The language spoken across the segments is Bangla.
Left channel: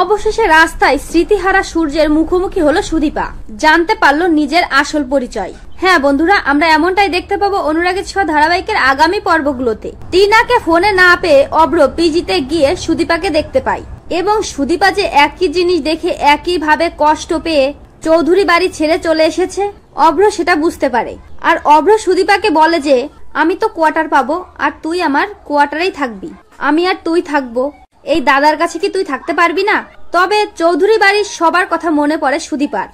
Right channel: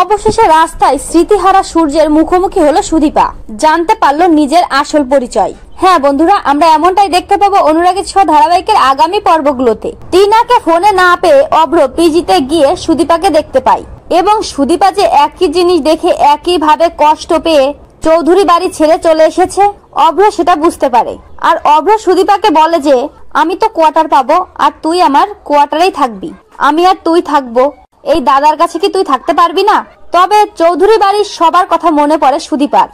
অবশেষে রাস্তায় স্মৃতিহারা সূর্যের মুখোমুখি হলো সুদীপা। জানতে পারলো নিজের আসল পরিচয়। হ্যাঁ বন্ধুরা, আমরা এমনটাই দেখতে পাবো অনুরাগের ছোঁয়া ধারাবাহিকের আগামী পর্বগুলোতে। টিনাকে ফোনে না পেয়ে অভ্র পিজিতে গিয়ে সুদীপাকে দেখতে পাই এবং সুদীপা যে একই জিনিস দেখে একই ভাবে কষ্ট পেয়ে চৌধুরী বাড়ি ছেড়ে চলে এসেছে, অভ্র সেটা বুঝতে পারে। আর অভ্র সুদীপাকে বলে যে আমি তো কোয়ার্টার পাবো আর তুই আমার কোয়ার্টারেই থাকবি, আমি আর তুই থাকবো, এই দাদার কাছে কি তুই থাকতে পারবি না? তবে চৌধুরী বাড়ির সবার কথা মনে পড়ে সুদীপার,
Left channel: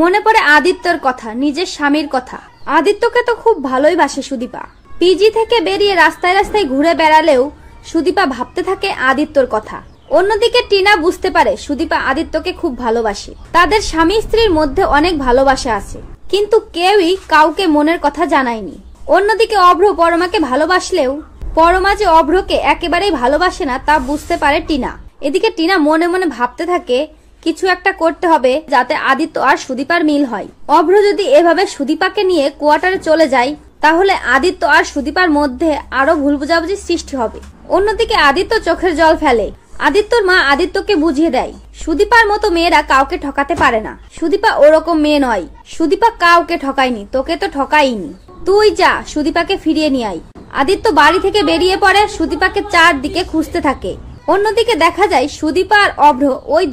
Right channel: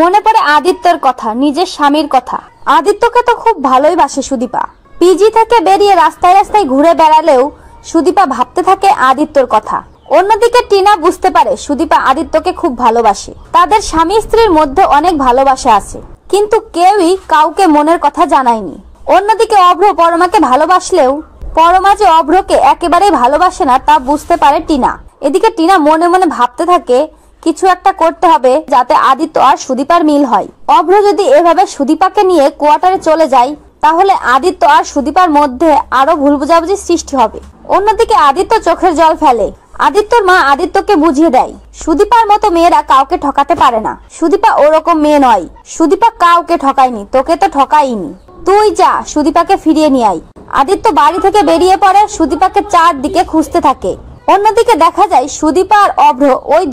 মনে পড়ে আদিত্যর কথা, নিজের স্বামীর কথা। আদিত্যকে তো খুব ভালোই বাসে সুদীপা। পিজি থেকে বেরিয়ে রাস্তায় রাস্তায় ঘুরে বেড়ালেও সুদীপা ভাবতে থাকে আদিত্যর কথা। অন্যদিকে টিনা বুঝতে পারে সুদীপা আদিত্যকে খুব ভালোবাসে, তাদের স্বামী স্ত্রীর মধ্যে অনেক ভালোবাসা আছে, কিন্তু কেউই কাউকে মনের কথা জানায়নি। অন্যদিকে অভ্র পরমাকে ভালোবাসলেও পরমা যে অভ্রকে একেবারেই ভালোবাসে না তা বুঝতে পারে টিনা। এদিকে টিনা মনে মনে ভাবতে থাকে কিছু একটা করতে হবে যাতে আদিত্য আর সুদীপার মিল হয়। অভ্র যদি এভাবে সুদীপাকে নিয়ে কোয়ার্টারে চলে যায় তাহলে আদিত্য আর সুদীপার মধ্যে আরো ভুল বোঝাবুঝি সৃষ্টি হবে। অন্যদিকে আদিত্য চোখের জল ফেলে। আদিত্যর মা আদিত্যকে বুঝিয়ে দেয় সুদীপার মতো মেয়েরা কাউকে ঠকাতে পারে না, সুদীপা ওরকম মেয়ে নয়, সুদীপা কাউকে ঠকায়নি, তোকে তো ঠকাইনি, তুই যা সুদীপাকে ফিরিয়ে নিয়ে আয়। আদিত্য বাড়ি থেকে বেরিয়ে পড়ে, সুদীপাকে চারদিকে খুঁজতে থাকে। অন্যদিকে দেখা যায় সুদীপা আর অভ্র ওই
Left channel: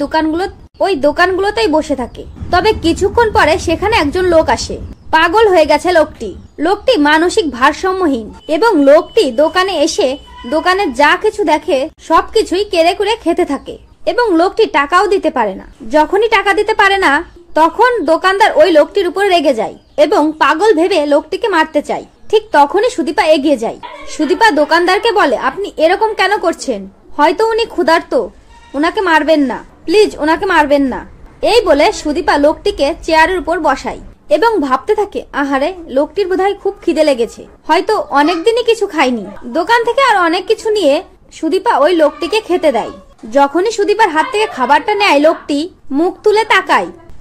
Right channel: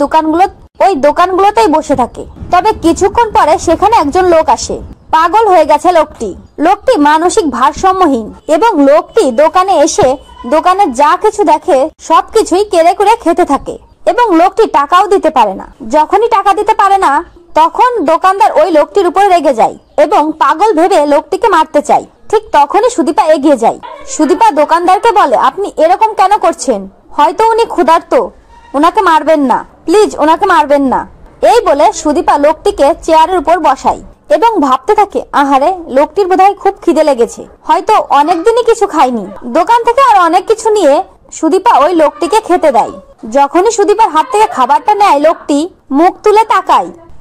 দোকানগুলোতেই বসে থাকে। তবে কিছুক্ষণ পরে সেখানে একজন লোক আসে। পাগল হয়ে গেছে লোকটি মানসিক ভারসাম্যহীন এবং লোকটি দোকানে এসে দোকানে যা কিছু দেখে সবকিছুই কেড়ে কুড়ে খেতে থাকে এবং লোকটি টাকাও দিতে পারে না। যখনই টাকা দিতে পারে না তখন দোকানদার ওই লোকটির উপর রেগে যায় এবং পাগল ভেবে লোকটিকে মারতে চায়। ঠিক তখনই সুদীপা এগিয়ে যায়। সুদীপা দোকানদারকে বলে আপনি এরকম কেন করছেন, হয়তো উনি ক্ষুধার্ত, ওনাকে মারবেন না, প্লিজ ওনাকে মারবেন না। এই বলে সুদীপা লোকটিকে চেয়ারের উপর বসায় এবং ভাবতে থাকে আহারে লোকটির বোধহয় খুব খিদে লেগেছে, হয়তো অনেকদিনই কিছু খায়নি। দোকান থেকে আর অনেক কিছু নিয়ে সুদীপা ওই লোকটিকে খেতে দেয়। যখনই সুদীপার হাত থেকে খাবারটা নেয় লোকটি মুখ তুলে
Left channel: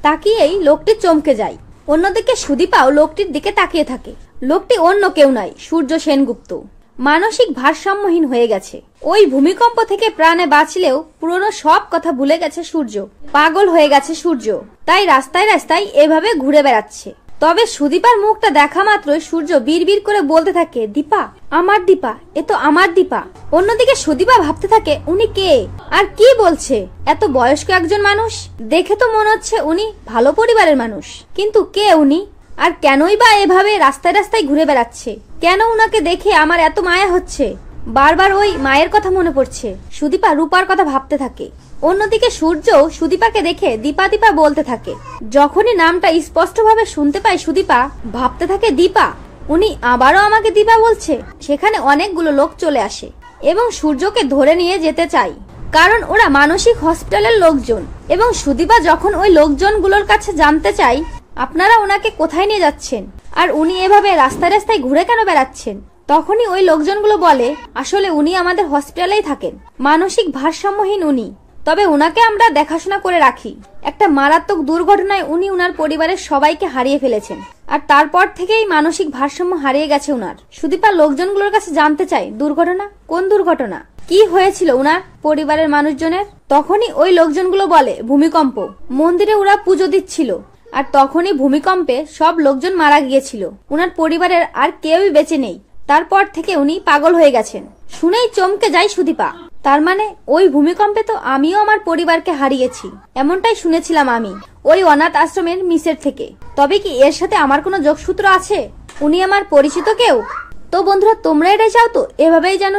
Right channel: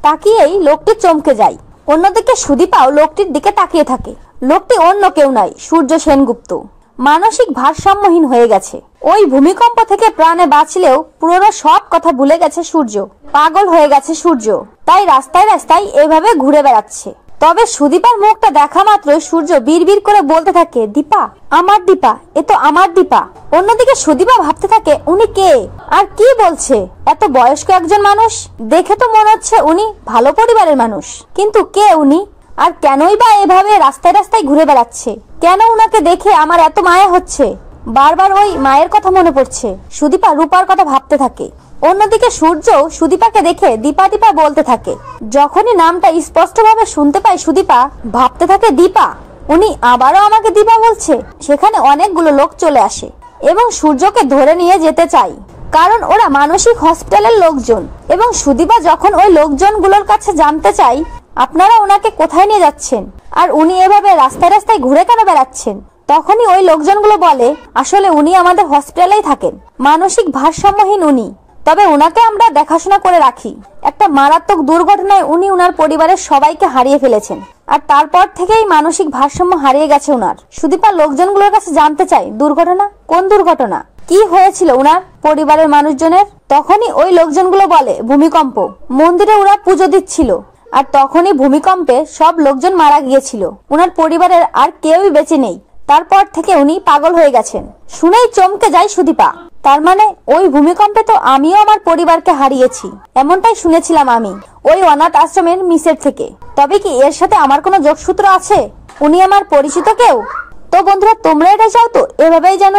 তাকিয়েই লোকটি চমকে যায়। অন্যদিকে সুদীপাও লোকটির দিকে তাকিয়ে থাকে। লোকটি অন্য কেউ নয়, সূর্য সেনগুপ্ত। মানসিক ভারসাম্যহীন হয়ে গেছে। ওই ভূমিকম্প থেকে প্রাণে বাঁচলেও পুরনো সব কথা ভুলে গেছে সূর্য, পাগল হয়ে গেছে সূর্য, তাই রাস্তায় রাস্তায় এভাবে ঘুরে বেড়াচ্ছে। তবে সুদীপার মুখটা দেখা মাত্রই সূর্য বিড়বিড় করে বলতে থাকে দীপা, আমার দীপা, এ তো আমার দীপা। অন্যদিকে সুদীপা ভাবতে থাকে উনি কে আর কি বলছে, এত বয়স্ক একজন মানুষ, দেখে তো মনে হচ্ছে উনি ভালো পরিবারের মানুষ, কিন্তু কে উনি আর কেনই বা এভাবে রাস্তায় রাস্তায় ঘুরে বেড়াচ্ছে, কেন উনাকে দেখে আমার এত মায়া হচ্ছে, বারবার ওই মায়ের কথা মনে পড়ছে। সুদীপা রূপার কথা ভাবতে থাকে। অন্যদিকে সূর্য সুদীপাকে দেখে দীপা দীপা বলতে থাকে। যখনই নামটা স্পষ্টভাবে শুনতে পায় সুদীপা ভাবতে থাকে দীপা, উনি আবারও আমাকে দীপা বলছে। সেখানে অনেকগুলো লোক চলে আসে এবং সূর্যকে ধরে নিয়ে যেতে চায়, কারণ ওরা মানসিক হসপিটালের লোকজন। এবং সুদীপা যখন ওই লোকজনগুলোর কাছে জানতে চায় আপনারা ওনাকে কোথায় নিয়ে যাচ্ছেন আর উনি এভাবে রাস্তায় রাস্তায় ঘুরে কেন বেড়াচ্ছেন, তখনই ওই লোকজনগুলো বলে আসলে উনি আমাদের হসপিটালেই থাকেন, মানসিক ভারসাম্যহীন উনি, তবে উনাকে আমরা দেখাশোনা করে রাখি। একটা মারাত্মক দুর্ঘটনায় উনি উনার পরিবারের সবাইকে হারিয়ে ফেলেছেন আর তারপর থেকেই মানসিক ভারসাম্য হারিয়ে গেছে উনার। সুদীপা লোকজনগুলোর কাছে জানতে চায় দুর্ঘটনা, কোন দুর্ঘটনা, কি হয়েছিল উনার পরিবারের মানুষজনের। তখনই ওই লোকজনগুলো বলে ভূমিকম্প, মন্দিরে ওরা পুজো দিচ্ছিল আর তখনই ভূমিকম্পে সব লোকজন মারা গিয়েছিল, উনার পরিবারের আর কেউই বেঁচে নেই, তারপর থেকে উনি পাগল হয়ে গেছেন। শুনেই চমকে যায় সুদীপা, তার মানে ওই ভূমিকম্পে তো আমিও আমার পরিবারকে হারিয়েছি, এমনটাই শুনেছিলাম আমি ওই অনাথ আশ্রমের মিসের থেকে। তবে কি এর সাথে আমার কোনো যোগসূত্র আছে, উনি আমার পরিচিত কেউ? তো বন্ধুরা তোমরা এটা চাও তো এভাবেই যেন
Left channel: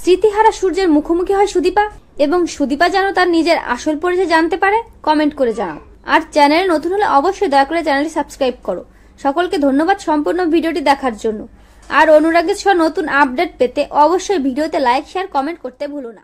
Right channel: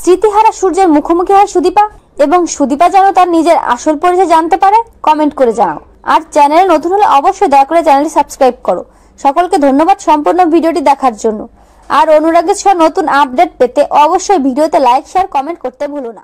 স্মৃতিহারা সূর্যের মুখোমুখি হয় সুদীপা এবং সুদীপা যেন তার নিজের আসল পরিচয় জানতে পারে? কমেন্ট করে জানাও। আর চ্যানেলে নতুন হলে অবশ্যই দয়া করে চ্যানেলটি সাবস্ক্রাইব করো। সকলকে ধন্যবাদ সম্পূর্ণ ভিডিওটি দেখার জন্য। আর অনুরাগের ছোঁয়া নতুন আপডেট পেতে অবশ্যই ভিডিওতে লাইক, শেয়ার, কমেন্ট করতে ভুলো না।